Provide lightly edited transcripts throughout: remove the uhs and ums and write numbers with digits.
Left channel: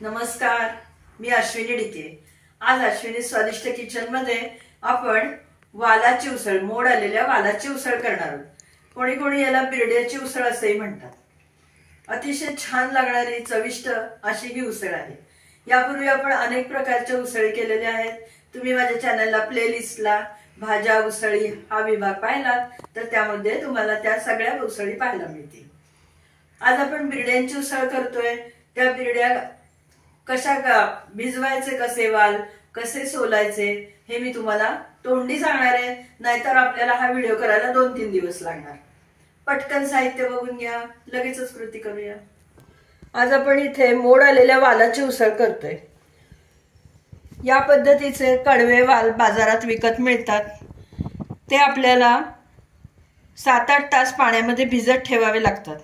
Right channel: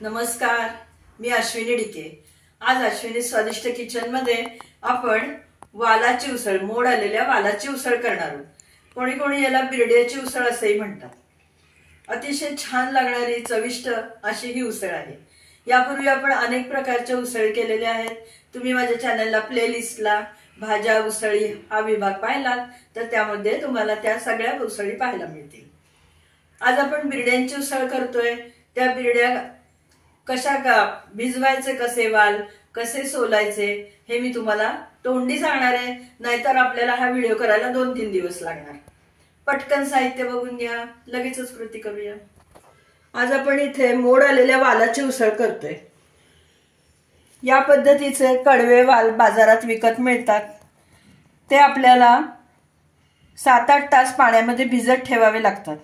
नमस्कार, मी अश्विनी डिके। आज अश्विनी स्वादिष्ट किचन मध्ये आपण वालाची उसळ, मोड आलेल्या वालाची उसळ करणार आहोत। कोणी कोणी याला बिरड्याची उसळ असेही म्हणतात। अतिशय छान लागणारी चविष्ट अशी ही उसळ आहे। यापूर्वी आपण अनेक प्रकारच्या उसळी केलेल्या आहेत। तुम्ही माझ्या चॅनलला प्लेलिस्टला भाज्या उसळी हा विभाग पाहिलात तर त्यामध्ये तुम्हाला त्या सगळ्या उसळी पाहायला मिळतील। आज आपण बिरड्यांची उसळ करतोय। त्या बिरड्या कशा भिजवायचे, कसे वाल कसे सोलायचे हे मी तुम्हाला तोंडी सांगणार आहे, नाहीतर आपल्याला हा व्हिडिओ करायला 2-3 दिवस लागणार। पटकन साहित्य बघून घ्या, लगेचच कृती करूया। आज आपण इथे मोड आलेल्या वालाची उसळ करतोय। या पद्धतीचे कडवे वाल बाजारात विकत मिळतात। ते आपल्याला 7-8 तास पाण्यामध्ये भिजत ठेवावे लागतात।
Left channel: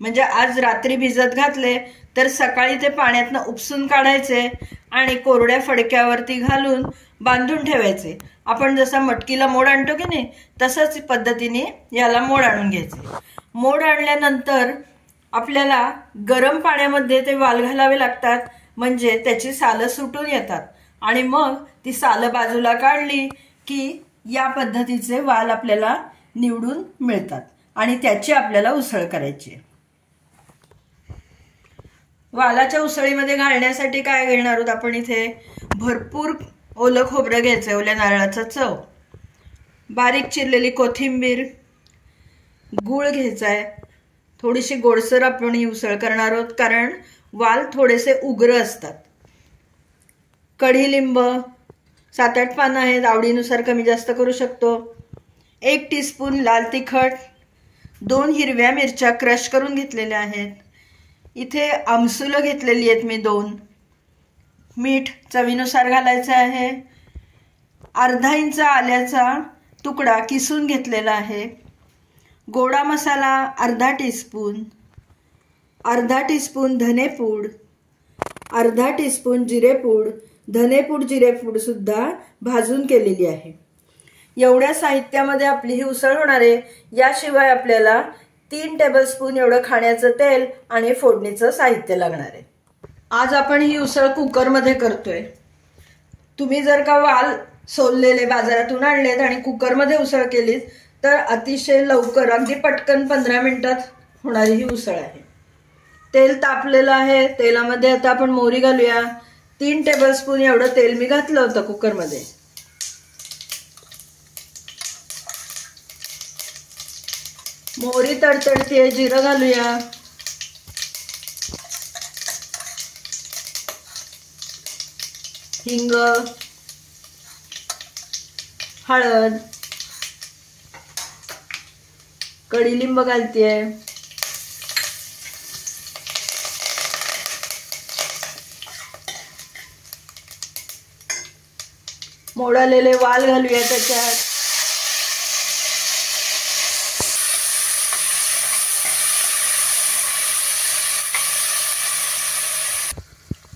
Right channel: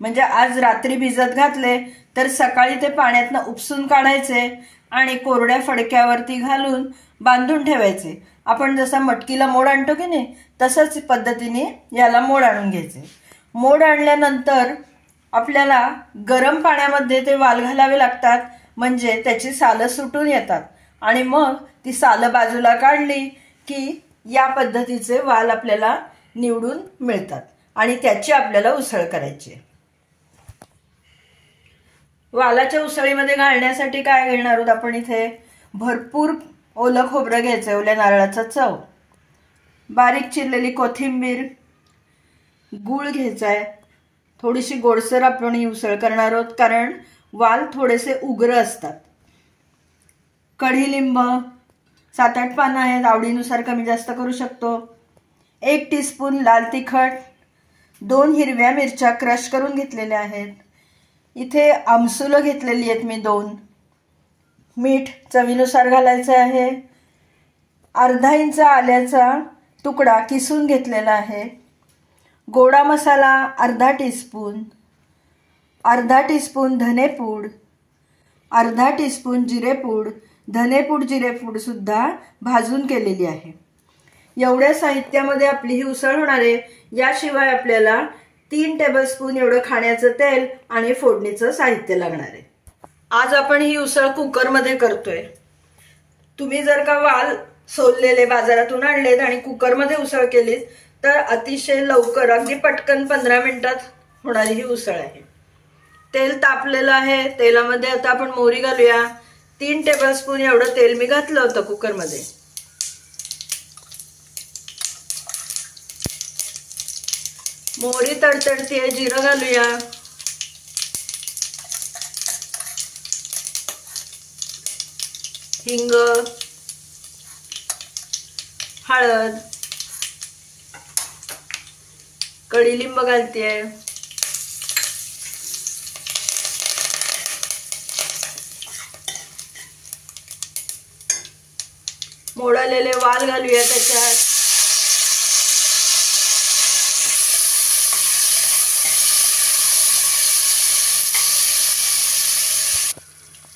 म्हणजे आज रात्री भिजत घातले तर सकाळी ते पाण्यातनं उपसून काढायचे आणि कोरड्या फडक्यावरती घालून बांधून ठेवायचे। आपण जसा मटकीला मोड आणतो की नाही, तसंच पद्धतीने याला मोड आणून घ्यायचे। मोड आणल्यानंतर आपल्याला गरम पाण्यामध्ये ते वाल घालावे लागतात, म्हणजे त्याची सालं सुटून येतात आणि मग ती सालं बाजूला काढली की या पद्धतीचे वाल आपल्याला निवडून मिळतात आणि त्याची आपल्याला उसळ करायची आहे। वालाच्या उसळीमध्ये घालण्यासाठी काय घेणार आहोत आपण? इथे भरपूर ओलं खोबरं घ्यायचं, ओल्या नारळाचा चव, बारीक चिरलेली कोथिंबीर, गूळ घ्यायचा आहे। थोडीशी गोडसर आपण ही उसळ करणार आहोत कारण वाल थोडेसे उग्र असतात। कढीलिंब 7-8 पानं आहेत, आवडीनुसार कमी जास्त करू शकतो। 1 टीस्पून लाल तिखट, 2 हिरव्या मिरच्या क्रश करून घेतलेल्या आहेत। इथे आमसुलं घेतलेली आहेत मी 2। मीठ चवीनुसार घालायचं आहे। अर्धा इंच आल्याचा तुकडा किसून घेतलेला आहे। गोडा मसाला अर्धा टीस्पून, अर्धा टीस्पून धनेपूड, अर्धा टीस्पून जिरेपूड, धनेपूड जिरेपूड सुद्धा भाजून केलेली आहे। एवढ्या साहित्यामध्ये आपली ही उसळ होणार आहे। याशिवाय आपल्याला 3 टेबलस्पून एवढं खाण्याचं तेल आणि फोडणीचं साहित्य लागणार आहे। आज आपण ही उसळ कुकरमध्ये करतोय। तुम्ही जर का वाल सोललेले बाजारातून आणलेत आणि कुकरमध्ये उसळ केलीत तर अतिशय लवकर, अगदी पटकन 15 मिनिटात होणारी ही उसळ आहे। तेल तापलेलं आहे। तेलामध्ये आता आपण मोहरी घालूया। 3 टेबलस्पून एवढं तेल मी घातलं होतं कुकरमध्ये। मोहरी तडतडते, जिरं घालूया। हिंग, हळद, कढीलिंब घालतेय, मोडालेले वाल घालूया त्याच्यात।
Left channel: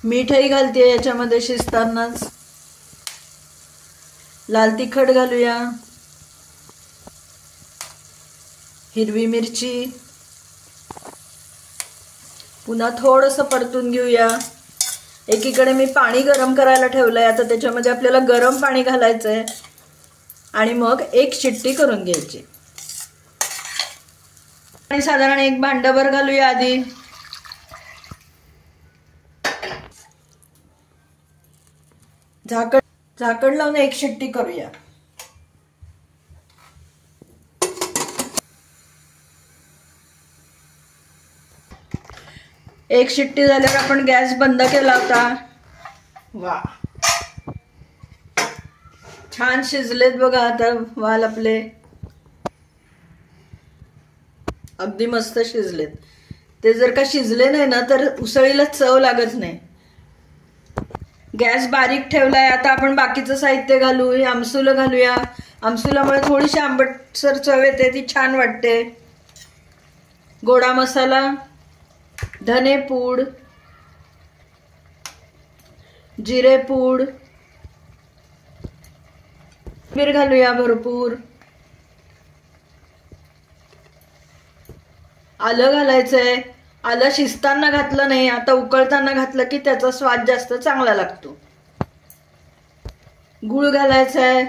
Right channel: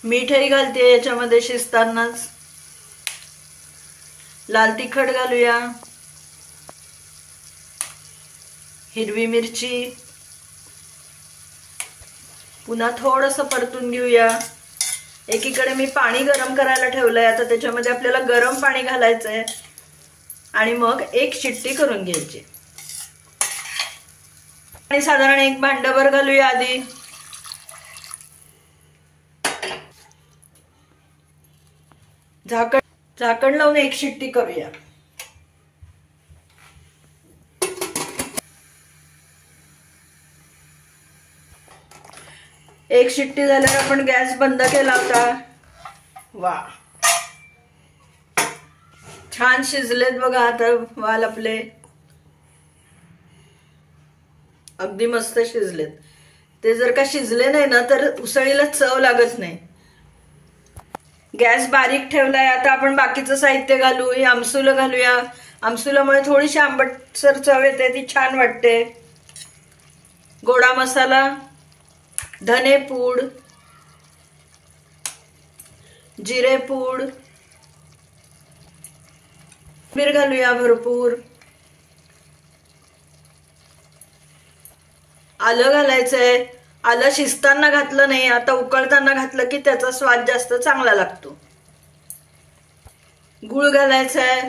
मीठही घालते याच्यामध्ये शिजतानाच। लाल तिखट घालूया, हिरवी मिरची, पुन्हा थोडंसं परतून घेऊया। एकीकडे मी पाणी गरम करायला ठेवलंय, आता त्याच्यामध्ये आपल्याला गरम पाणी घालायचंय आणि मग 1 शिट्टी करून घ्यायची। आणि साधारण 1 भांडभर घालूया आधी। झाकण लावून 1 शिट्टी करूया। एक शिट्टी झाल्यावर आपण गॅस बंद केला होता। वा, छान शिजलेत बघा आता वाल आपले, अगदी मस्त शिजलेत। ते जर का शिजले नाही ना तर उसळीला चव लागत नाही। गॅस बारीक ठेवलाय। आता आपण बाकीचं साहित्य घालू। हे आमसुलं घालूया। आमसुलामुळे थोडीशी आंबटसर चव येते, ती छान वाटते। गोडा मसाला, धनेपूड, जिरेपूड, मीठ घालूया भरपूर। आलं घालायचंय, आलं शिजताना घातलं नाही, आता उकळताना घातलं की त्याचा स्वाद जास्त चांगला लागतो. गूळ घालायचा आहे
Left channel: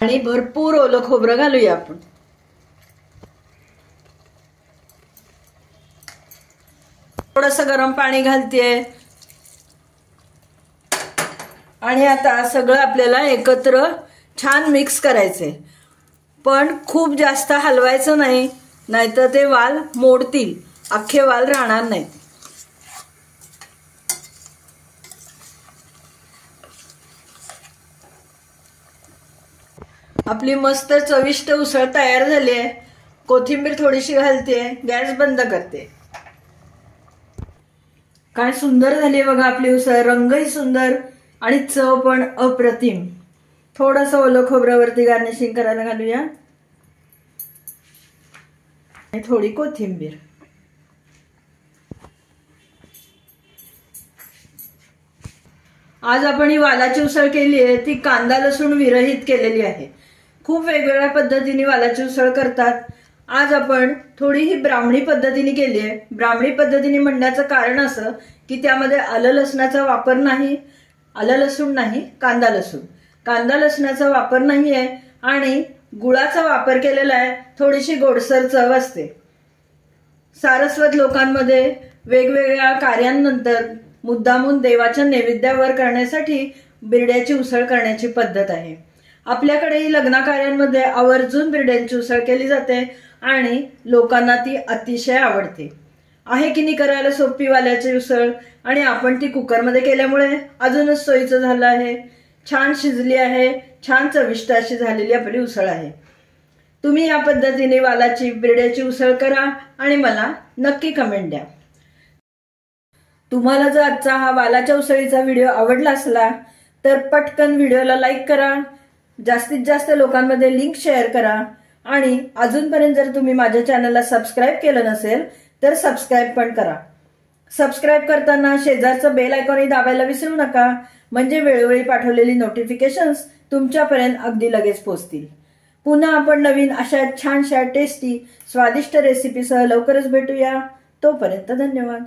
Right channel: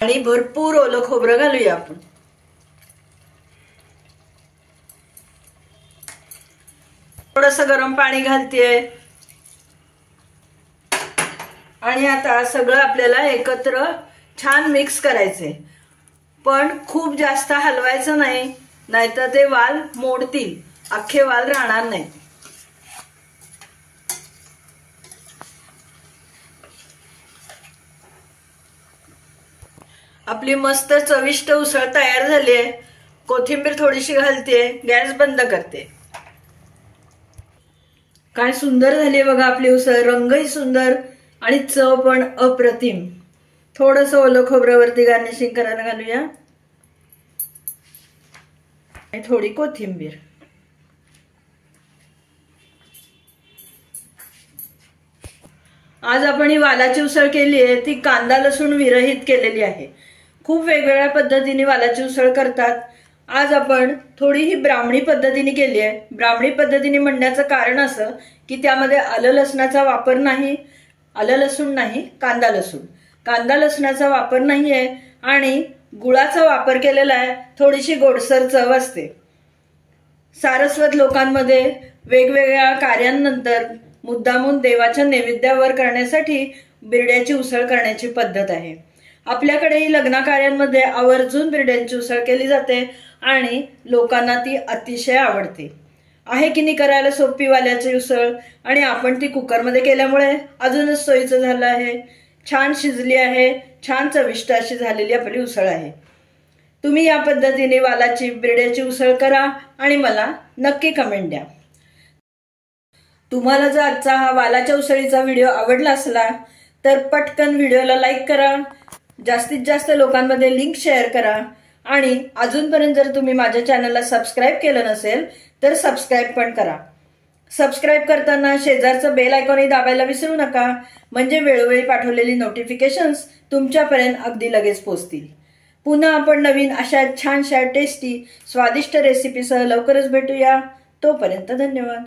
आणि भरपूर ओलं खोबरं घालूया आपण. थोडंसं गरम पाणी घालतेय आणि आता सगळं आपल्याला एकत्र छान मिक्स करायचंय. पण खूप जास्त हलवायचं नाही, नाहीतर ते वाल मोडतील, अख्खे वाल राहणार नाहीत. आपली मस्त चविष्ट उसळ तयार झाली आहे. कोथिंबीर थोडीशी घालते, गॅस बंद करते. काय सुंदर झाली बघा आपली उसळ. रंगही सुंदर आणि चव पण अप्रतिम. थोडंसं ओलं खोबऱ्यावरती गार्निशिंग करायला घालूया आणि थोडी कोथिंबीर. आज आपण ही वालाची उसळ केली आहे, ती कांदा लसूण विरहित केलेली आहे. खूप वेगवेगळ्या पद्धतीने वालाची उसळ करतात. आज आपण थोडी ही ब्राह्मणी पद्धतीने केली आहे. ब्राह्मणी पद्धतीने म्हणण्याचं कारण असं की त्यामध्ये आलं लसणाचा वापर नाही, आलं लसूण नाही, कांदा लसूण. कांदा लसणाचा वापर नाहीये आणि गुळाचा वापर केलेला आहे. थोडीशी गोडसर चव असते. सारस्वत लोकांमध्ये वेगवेगळ्या कार्यांनंतर मुद्दामून देवाच्या नैवेद्यावर करण्यासाठी बिरड्याची उसळ करण्याची पद्धत आहे. आपल्याकडेही लग्न कार्यांमध्ये आवर्जून बिरड्यांची उसळ केली जाते आणि लोकांना ती अतिशय आवडते. आहे की नाही करायला सोपी वाल्याची उसळ, आणि आपण ती कुकरमध्ये केल्यामुळे अजूनच सोयीचं झालं आहे. छान शिजली आहे, छान चविष्ट अशी झालेली आपली उसळ आहे. तुम्ही या पद्धतीने वालाची बिरड्याची उसळ करा आणि मला नक्की कमेंट द्या. तुम्हाला जर आजचा हा वालाच्या उसळीचा व्हिडिओ आवडला असला तर पटकन व्हिडिओला लाईक करा, जास्तीत जास्त लोकांमध्ये लिंक शेअर करा आणि अजूनपर्यंत जर तुम्ही माझ्या चॅनलला सबस्क्राईब केलं नसेल तर सबस्क्राईब पण करा. सबस्क्राईब करताना शेजारचं बेल आयकॉनही दाबायला विसरू नका, म्हणजे वेळोवेळी पाठवलेली नोटिफिकेशन्स तुमच्यापर्यंत अगदी लगेच पोहोचतील. पुन्हा आपण नवीन अशा छानशा टेस्टी स्वादिष्ट रेसिपीसह लवकरच भेटूया. तोपर्यंत धन्यवाद.